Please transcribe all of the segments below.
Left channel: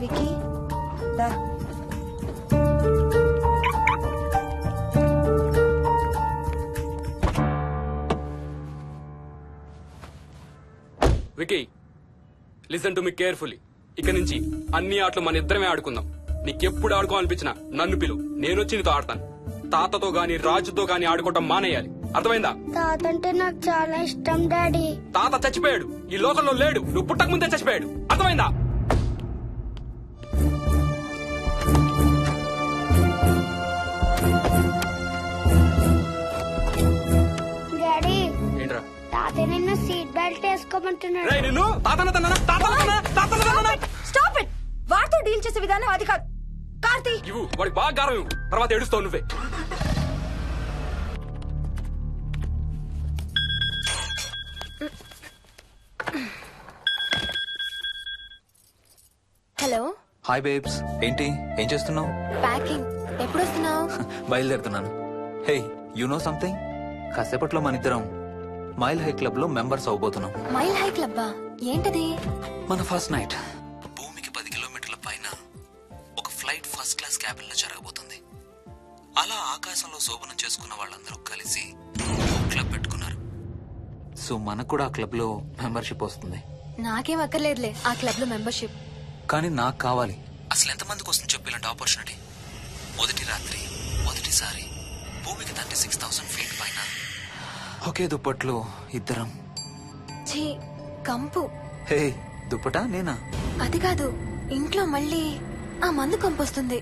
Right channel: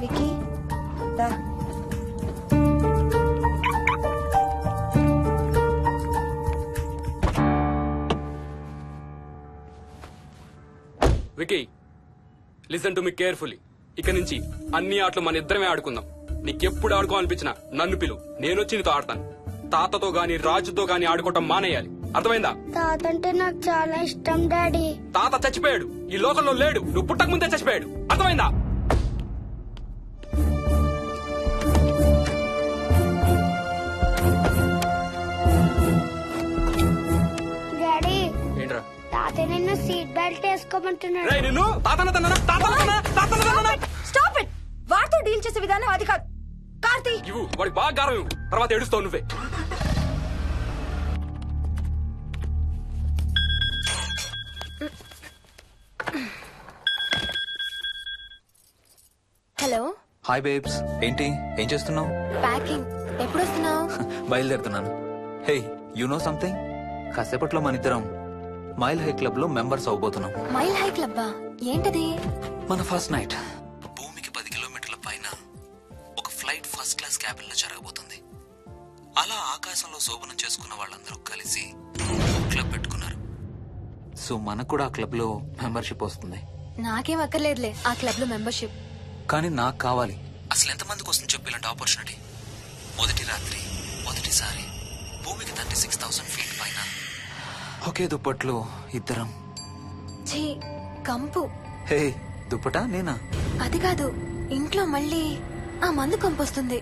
Wiki దా. Vicky listen to me carefully. ఇక నుంచి అన్ని ఆటలు మన ఇద్దరమే ఆడుకుందాం. నీకెప్పుడు ఆడుకోవాలనిపించినా నన్ను పిలు, నేనొచ్చి నీతో ఆడతాను. తాతతో గాని రాజుతో గాని ఆడుకోవటం మానేయాలి, అర్థమైందా? తాత అంటే నాకు చాలా ఇష్టం డాడీ. తాత చచ్చిపోయాడు, ఈ లోకంలో లేడు. నువ్వు పుట్టక ముందే చచ్చిపోయాడు, అర్థమైందా? డాడీ ఏంట్రా? తాత నిన్ను సీట్ బెల్ట్ వేసుకోమంటున్నాడు. రేయ్, నిన్ను స్టాప్ ఇట్. వాడితో డీల్ చేసే విధానం అది కాదు. కార్తీ ఇవ్వు, వాడికి బాగా గారం ఇవ్వు, తర్వాత ఏడుస్తావు నువ్వే. హలో. హాయ్ బేబ్స్, ఏంటి ఏం చేస్తున్నావు? ప్యాకింగ్. ఎప్పుడు వస్తున్నావు? బయలుదేరుతున్నాను. Hey, you know something? కాసేపట్లో మన ఇద్దరం మైల్ హై క్లబ్ లో మెంబర్స్ అవబోతున్నాం. మైల్ హై క్లబ్బా? ఏంటది? మన ఫస్ట్ నైట్ భూమికి 10 కిలోమీటర్ల పైన ఒక ఫ్లైట్ ఫస్ట్ క్లాస్ క్యాబిన్ లో జరగబోతుంది. అలా ఆకాశంలో శోభనం చేసుకున్న వాళ్ళందరూ కలిసి ఒక క్లబ్ పెట్టుకున్నారు. సో మనకు కూడా ఆ క్లబ్ లో మెంబర్షిప్ వస్తుంది. నాకేం అక్కర్లేదులే ఆ క్లబ్ లో మెంబర్షిప్. కానీ నాకు కావాలి. అసలు ఎంతమందికి వస్తుంది చెప్పు ఇలాంటి ఆపర్చునిటీ? మొదటి రాత్రి మొదటిసారి భూమికి 36,000 ఫీట్ పైన ఒకే దుప్పట్లో ఇద్దరం. ఛీ, కంపు. హే, దుప్పటా నేనా? అది కాదు, ఇంట్లో మళ్ళీ ఆ మందు కంపొస్తుంది.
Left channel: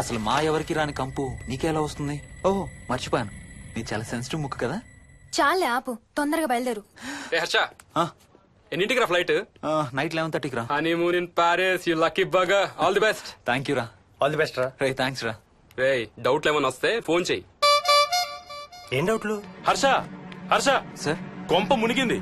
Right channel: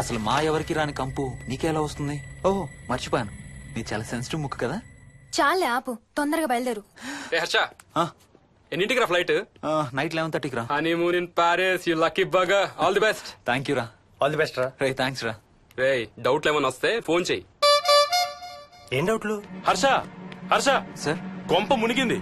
అసలు మా ఎవరికి రాని కంపు నీకెలా వస్తుంది? ఓహో, మర్చిపోయాను, నీ చాలా సెన్సిటివ్ ముక్కు కదా. చాలే ఆపు, తొందరగా బయలుదేరు. ఏ హర్ష, ఆ, ఎన్నింటికి రా ఫ్లైట్? నైట్ 11:30కి రా. Honeymoon in Paris, you lucky bugger. All the best. Thank you రా. ఆల్ ది బెస్ట్ రా. రే, థ్యాంక్స్ రా. రే, డౌట్లు ఏమైనా వస్తే ఫోన్ చెయ్యి. ఏం డౌట్లు? హర్ష, హర్ష, సార్, కొంప మునిగింది.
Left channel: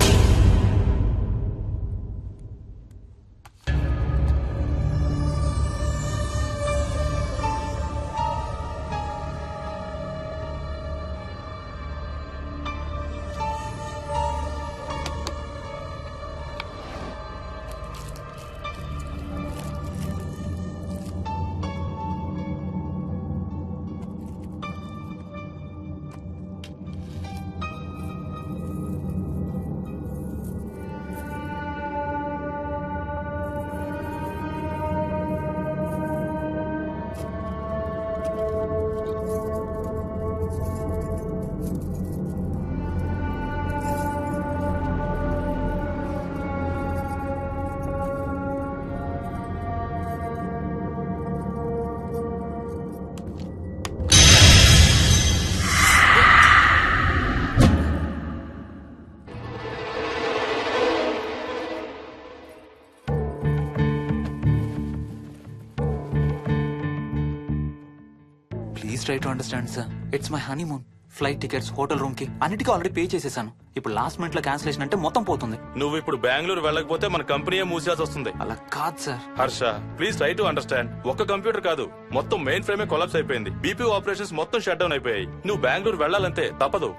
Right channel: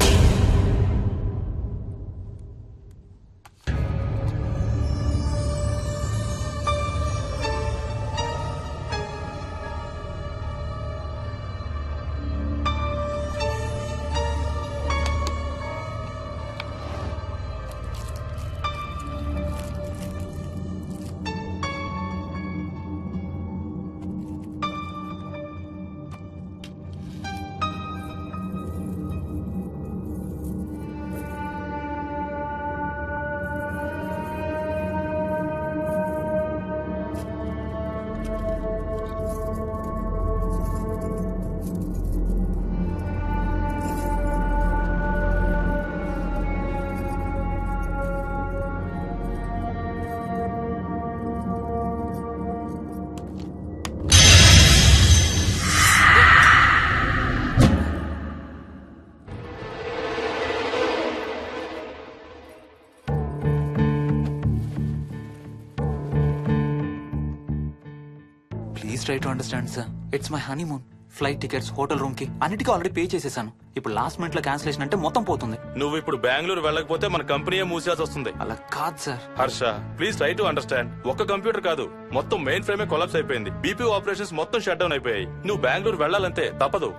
Please try to understand sir. It's my honeymoon. Flight tickets, hotel room కి అన్నిటికీ ఆల్రెడీ పే చేసేసాను. ఇప్పుడు లాస్ట్ మినిట్ లో క్యాన్సిలేషన్ అంటే మొత్తం పోతుంది. నువ్వు ఇప్పుడు బెంగళూరు వెళ్ళకపోతే మన కంపెనీ మూసేయాల్సి వస్తుంది. అలా కాదు sir. Harsha, please try to understand. ఒక్క కంప్యూటర్ కాదు, మొత్తం మెయిన్ ఫ్రేమే కొలాప్స్ అయిపోయింది. బీపీ ఆపరేషన్స్ మొత్తం షట్ డౌన్ అయిపోయాయి. నువ్వు బెంగళూరు వెళ్ళాలంటే తప్పదు.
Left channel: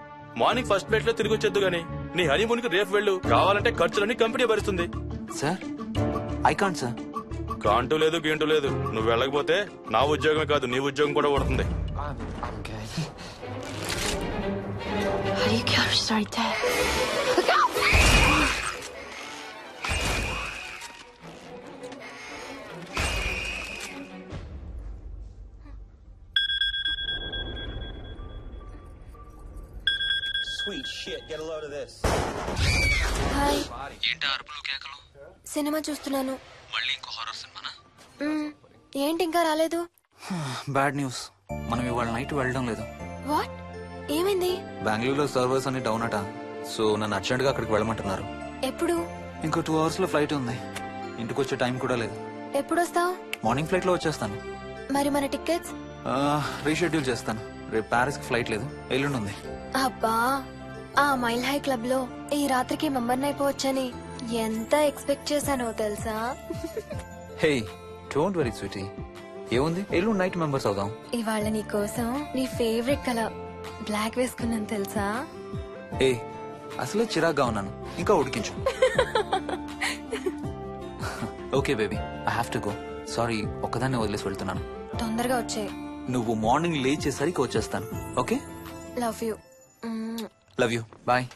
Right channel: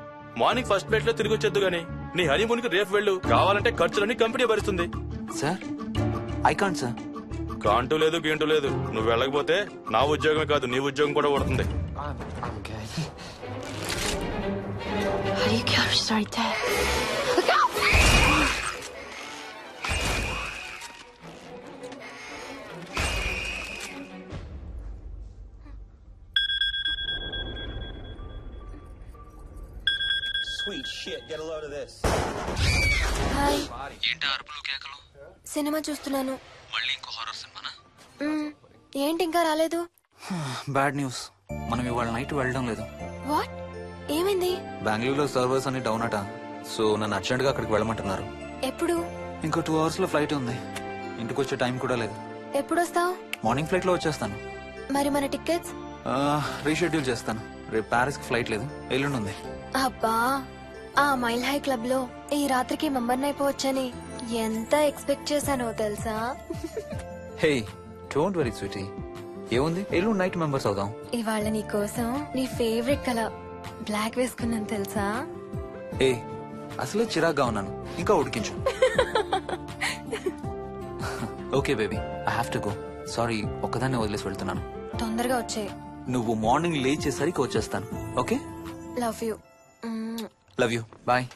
మార్నింగ్ ఫస్ట్ ఫ్లైట్ లో తిరిగి వచ్చేద్దు గానీ నీ హనీమూన్ కి రేపు వెళ్ళు. కావాలంటే ఖర్చులన్నీ కంపెనీ భరిస్తుంది. Sir, I can't sir. Can't లేదు, గీంటూ లేదు. నువ్వు వెళ్ళకపోతే నా ఉద్యోగమే కాదు, నీ ఉద్యోగం కూడా పడుతుంది. హాయ్. ఏంటి అరుపులు కేకలు? సినిమా చూస్తున్నాను. మళ్ళీ ఇంకో హారర్ సినిమానా? ఏంటి ఇంకా రాలేదు? బ్యాడ్ న్యూస్, మనం ఇవాళ నైట్ వెళ్ళడం లేదు. వాట్? ఏమైంది? బెంగళూరులో సర్వర్స్ అన్ని డౌన్ అట. సో నన్ను అర్జెంట్ గా అక్కడికి వెళ్ళమంటున్నారు. ఎప్పుడు? ఇంకో 2 hours లో ఫ్లైట్ ఉంది. ఇంటికి వచ్చే టైం కూడా లేదు. ఎప్పుడు వస్తావు? మార్నింగ్ ఫ్లైట్ లో వచ్చేస్తాను. మరి మన టికెట్స్? రీషెడ్యూల్ చేస్తాను. రేపు ప్యారిస్ కి ఫ్లైట్ లేదు, ఎల్లుండి ఉంది. అబ్బా, ఆ మైల్ హై క్లబ్ లో ఈ రాత్రికి మెంబర్ అయిపోవచ్చని ఎంత ఎక్స్పెక్ట్ చేశానో తెలుసా? హే, డోంట్ వరీ స్వీటీ, ఏముంది, ఎల్లుండి నైట్ మెంబర్స్ అవుదాం. ఇవాళ నీ కోసం నీ ఫేవరెట్ కలర్ బ్లాక్ వేసుకున్నాను తెలుసా? ఏ, అసలే చిరాగ్గా ఉన్నాను, ఇంకా ఉడికించు. Okay baby, I have to go. Sorry, ఒక్కదాన్నే వదిలేసి వెళ్తున్నాను. తొందరగా వచ్చే. నువ్వు మార్నింగ్ లేచేసరికి వచ్చేస్తాను. Okay, love you. Love you, bye.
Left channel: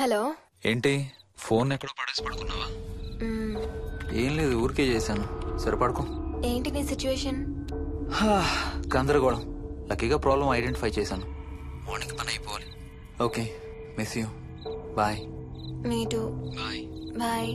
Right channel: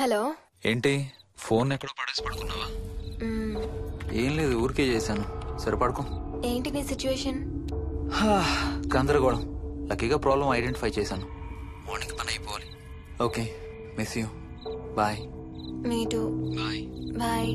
Hello. ఏంటి, ఫోన్ ఎక్కడో పడేసి పడుకున్నావా? ఏం లేదు, ఊరికే చేశాను. సరే పడుకో. ఏంటి నీ సిచ్యువేషన్? గందరగోళం. లక్కీగా ప్రాబ్లం ఐడెంటిఫై చేశాను. మార్నింగ్ పని అయిపోవాలి. Okay, miss you. Bye. Me too. Bye. Bye.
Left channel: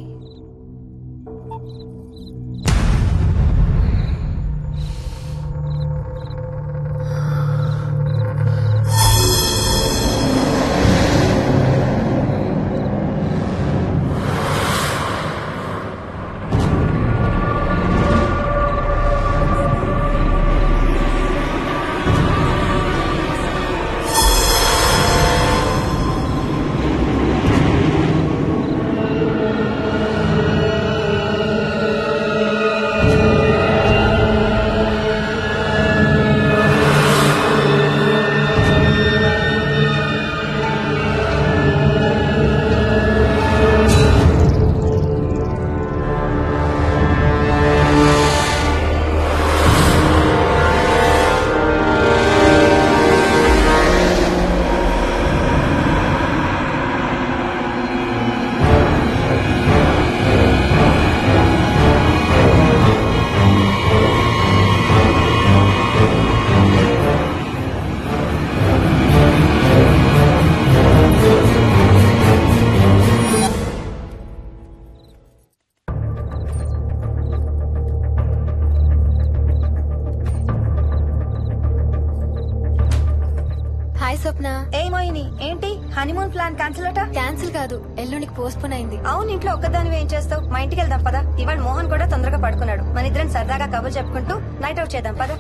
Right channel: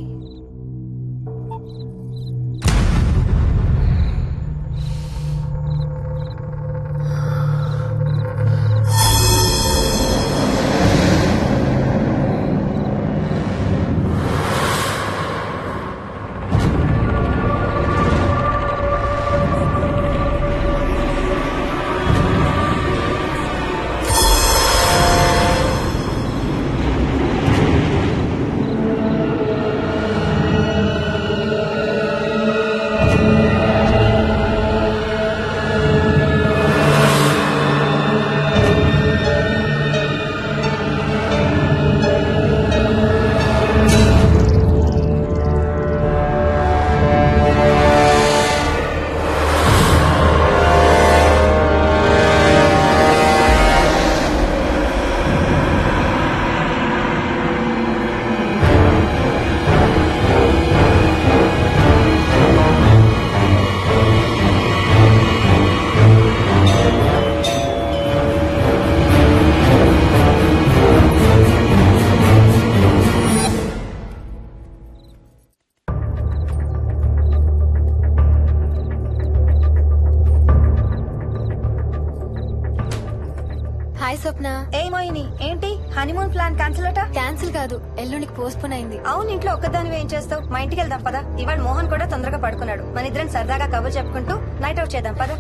Hi Swapna. ఏమోయిని ఏంటి హనీమూన్ ప్లాన్ క్యాన్సిల్ అట? క్యాన్సిల్ కాదు, ఎల్లుండికి పోస్ట్ పోన్ అయింది. అవును, ఇంట్లో ఒక్కదానివి ఏం చేస్తావు? మా ఇంటికి వెళ్దాం పదా. ఇవాళ మోహన్ కూడా తొందరగా పడుకున్నాడు. మన ఇద్దరం సరదాగా కబుర్లు చెప్పుకుంటూ నైట్ అవుట్ చేద్దాం పదా.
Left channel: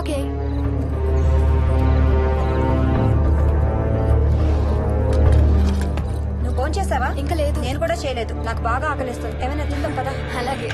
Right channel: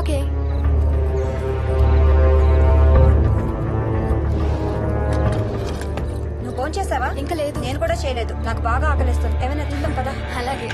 ఓకే. ఫోన్ చేసావా? ఇంకా లేదు. నేను కూడా చేయలేదు. నాకు బాగా ఆకలిస్తుంది. ఏమైనా తిందాం కదా. అలాగే